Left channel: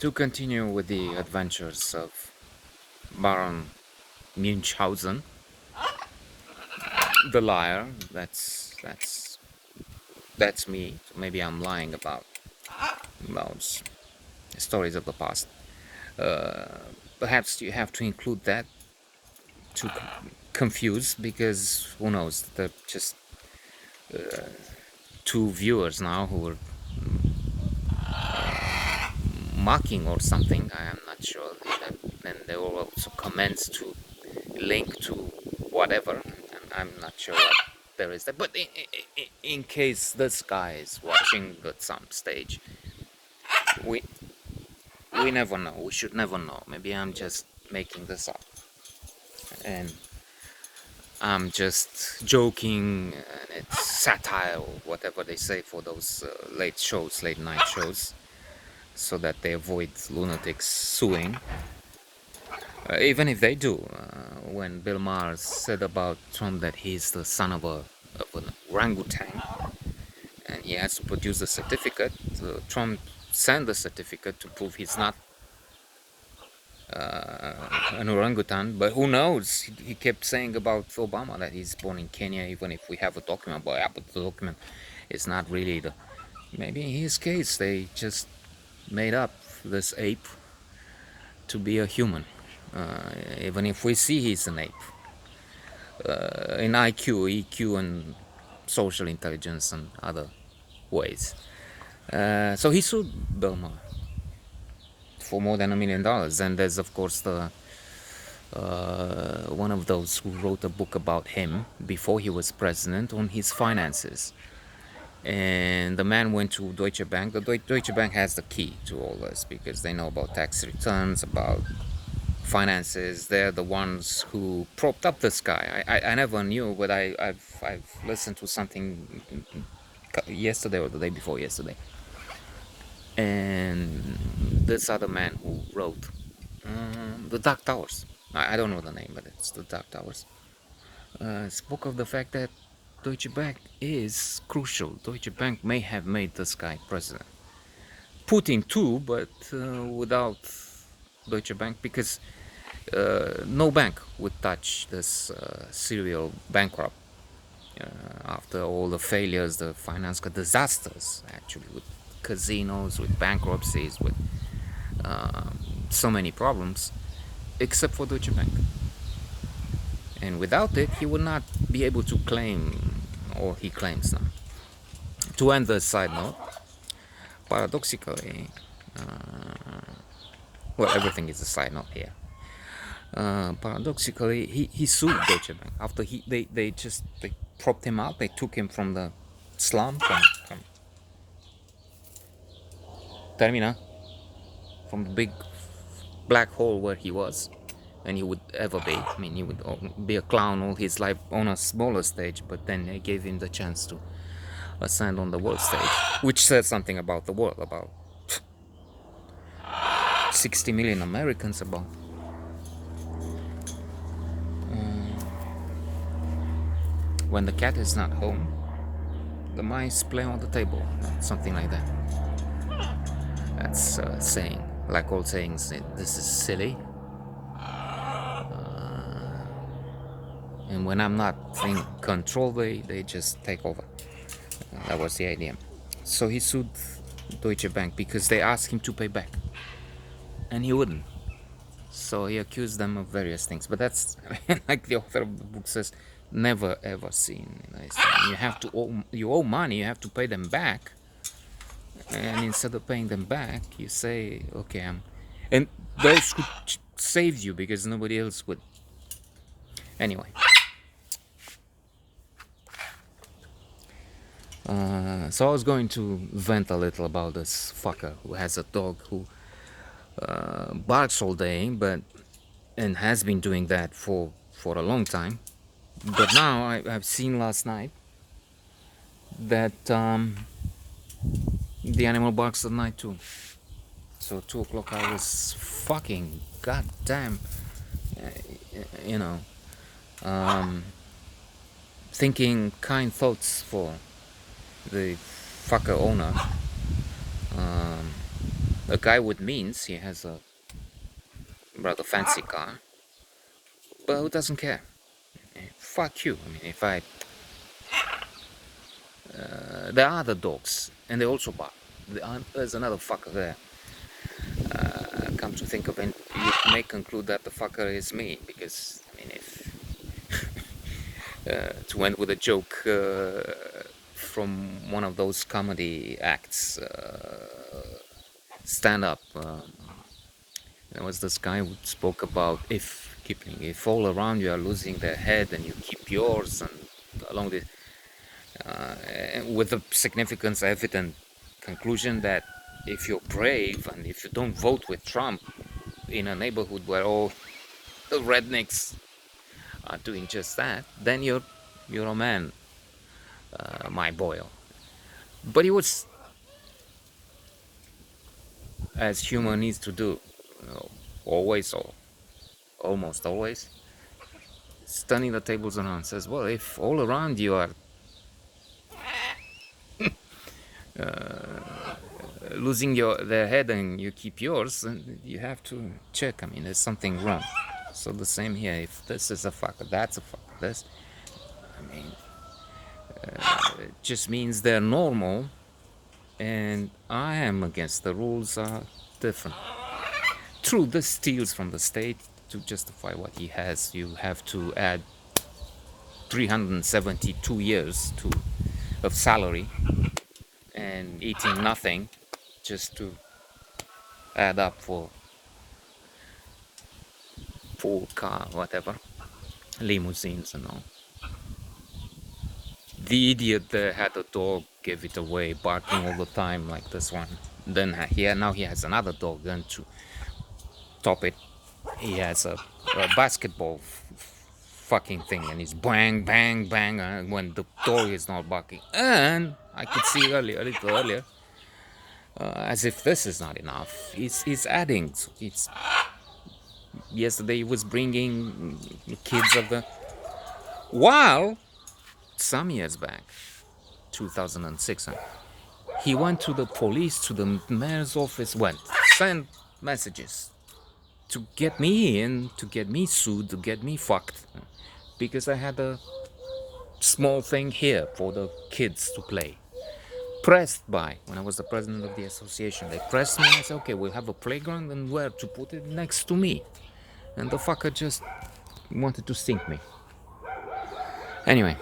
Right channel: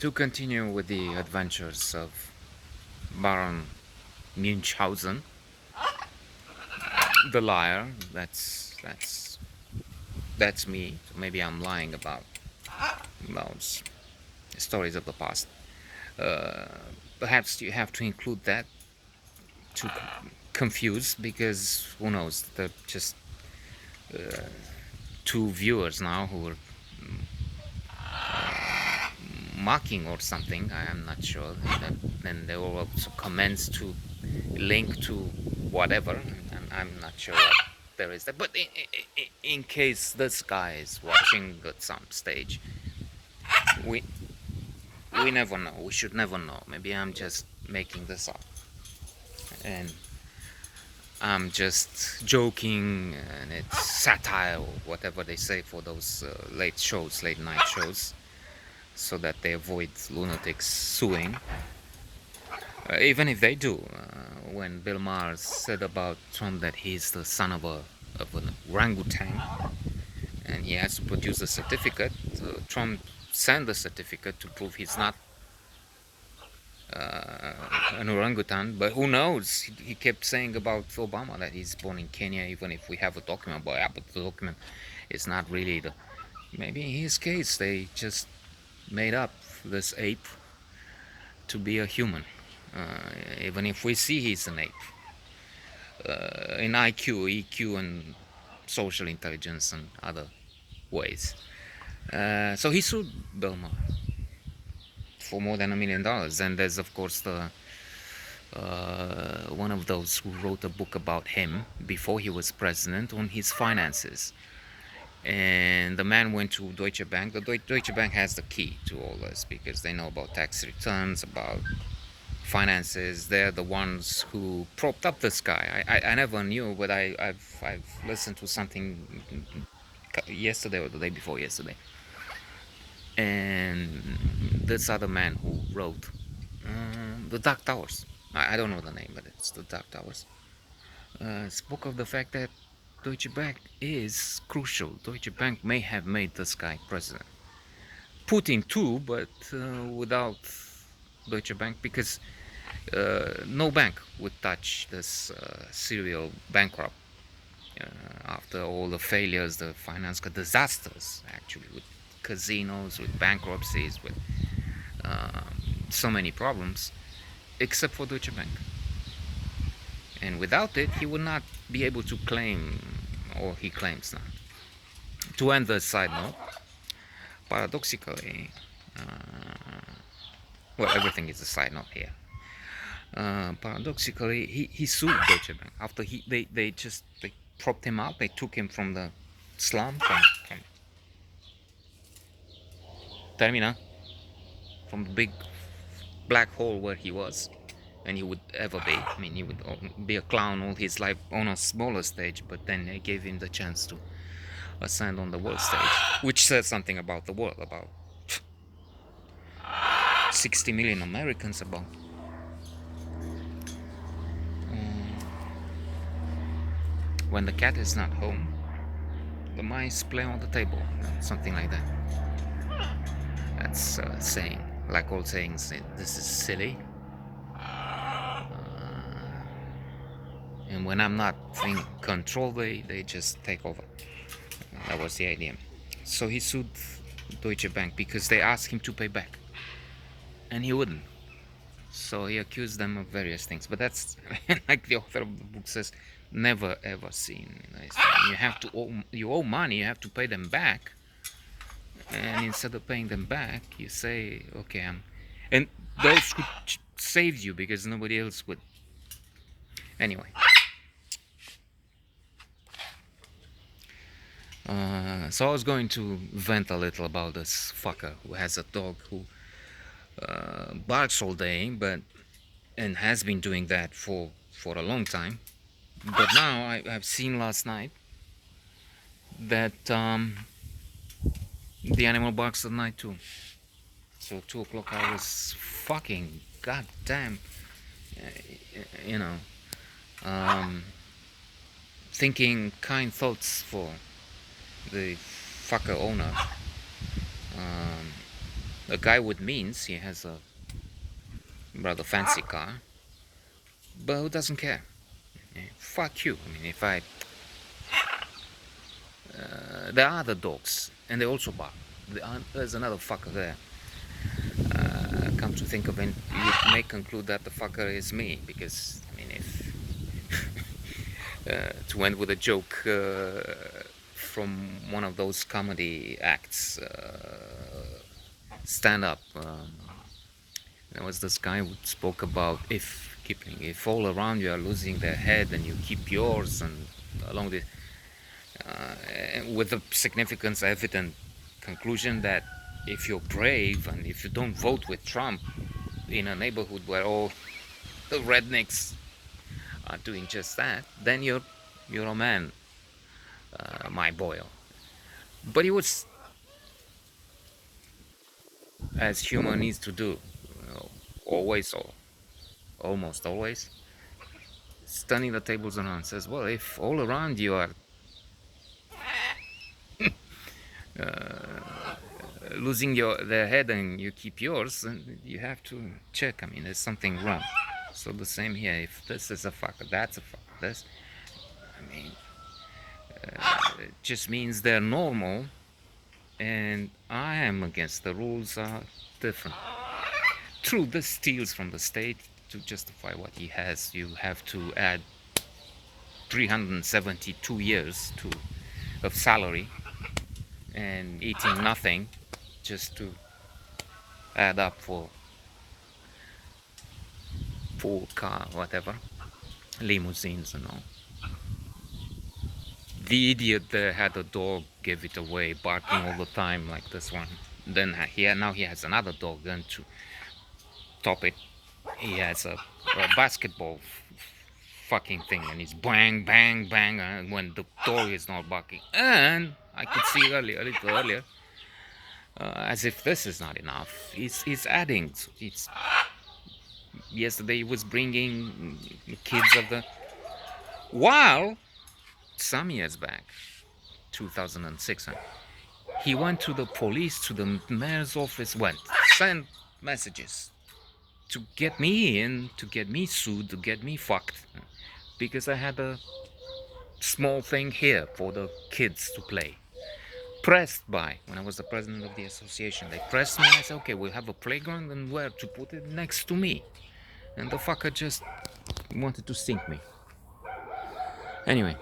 To continue with the adventures of Baron Munchausen, the liar. That's me. Maybe I'm lying about those stories of the past. Uh, Perhaps you have to include that to confuse, because who knows? They're just two viewers now who were mocking or something. I am not sure. And there were also comments to link to whatever, and I'm not sure what there is there. But in case this guy is watching at some stage, we we never know. We should never know. Maybe I'm just making this up, and I'm just joking, and it's satire or whatever they say for those late night shows, so that they avoid lunatics suing. Even if they do, when Bill Maher said about Trump that he's the son of an orangutan and he has to produce a certificate, Trump sent the certificate to prove he's not an orangutan. But who knows? He kept saying about Obama that he's born in Kenya, even if we have a document. But yeah, but the document is not really the. Maybe in his case, they just made up this ape to be a human. Even if we see he's an ape. In IQ, EQ, and social intelligence and other ways. So he sued Bill Maher for more than $1 million. And there's, of course, the one of those who wrote a book about him before he was president on his finances. And the man went to Deutsche Bank. The Deutsche Bank has the key to all this because they know about tax returns, about finances. They're the ones who propped up this guy. I never knew, but I've listened to something yesterday or the day before yesterday, and this other man who wrote the Dark Towers. I don't know the name, but it's the Dark Towers. Spoke of the fact that Deutsche Bank is crucial. Deutsche Bank may have made this guy president. Putin too, but without Deutsche Bank, because no bank would touch this serial bankrupt after all the failures, the financial disasters, actually, with casinos, with bankruptcies, with so many problems, except for Deutsche Bank. And without it, he would not be able to claim, or he claims now. To end the side note, paradoxically, well, everything is a side note here. Paradoxically, he sued Deutsche Bank after they propped him up. They took him from the slum, from Termina, from the big black hole where he was, and he would ever be. I mean, he would be a clown all his life on a smaller stage, but then they gave him the chance to ascend on the world stage, which says something about the world, about 60 million Americans, about when the cat is not home, the mice play on the table, something like that. That's saying, like old sayings, this is silly. And when I'm not in control, they just take over. That was the idea. So he sued Deutsche Bank because they asked him to pay back, and he wouldn't. So he accused them of various things. But that's like the author of the book says, never ever seen. You owe money, you have to pay them back, and instead of paying them back, you say, okay, and those who saved you because nobody else would. Anyway. So I was going to vent a little about this fucker who has a dog who barks all day, and has been doing that for a long time. But now I've seen last night that the animal barks at night too. So 2 o'clock I was fucking goddamn, you know, thinking kind thoughts for the fucker owner. A guy with means, he has a rather fancy car, but who doesn't care? Fuck you. I mean, if I there are other dogs, and they also bark. There's another fucker there. Come to think of it, you may conclude that the fucker is me, because I mean, if to end with a joke from one of those comedy acts, stand up. There was this guy who spoke about if all around you are losing their head and you keep yours, and along this, with the significance evident conclusion that if you're brave and if you don't vote with Trump in a neighborhood where all the rednecks are doing just that, then you're a man, my boy. But he was, as human needs to do, you know, always or almost always, turning the tables around, says, well, if all around you are losing their head and you keep yours, then you have to check. I mean, there's something wrong. So the same here. If this is a fucker, that's a fucker. This, I mean, it just means they're normal, and I am against the rules are different. True, this steals from the state to justify what he has. You have to add 372 years of salary and eating nothing just to add up for car, whatever, limousines and all. The idiot there had a dog, gave it away, barking all the time like this one. Then now he has another dog. Then to top it, he has a basketball fucking thing, and he's bang, bang, bang when the dog is not barking. And I could see a little earlier, as if this is not enough, he's adding. Yesterday he was bringing kids of the, while some years back, 2006, he went to the police, to the mayor's office, sent messages to get me in, to get me sued, to get me fucked, because I had a small thing here for the kids to play. Pressed by, when I was the president of the association, they pressed me and I said, okay, we'll have a playground, and where to put it? Next to me. And the fucker just wanted to sink me. Anyway,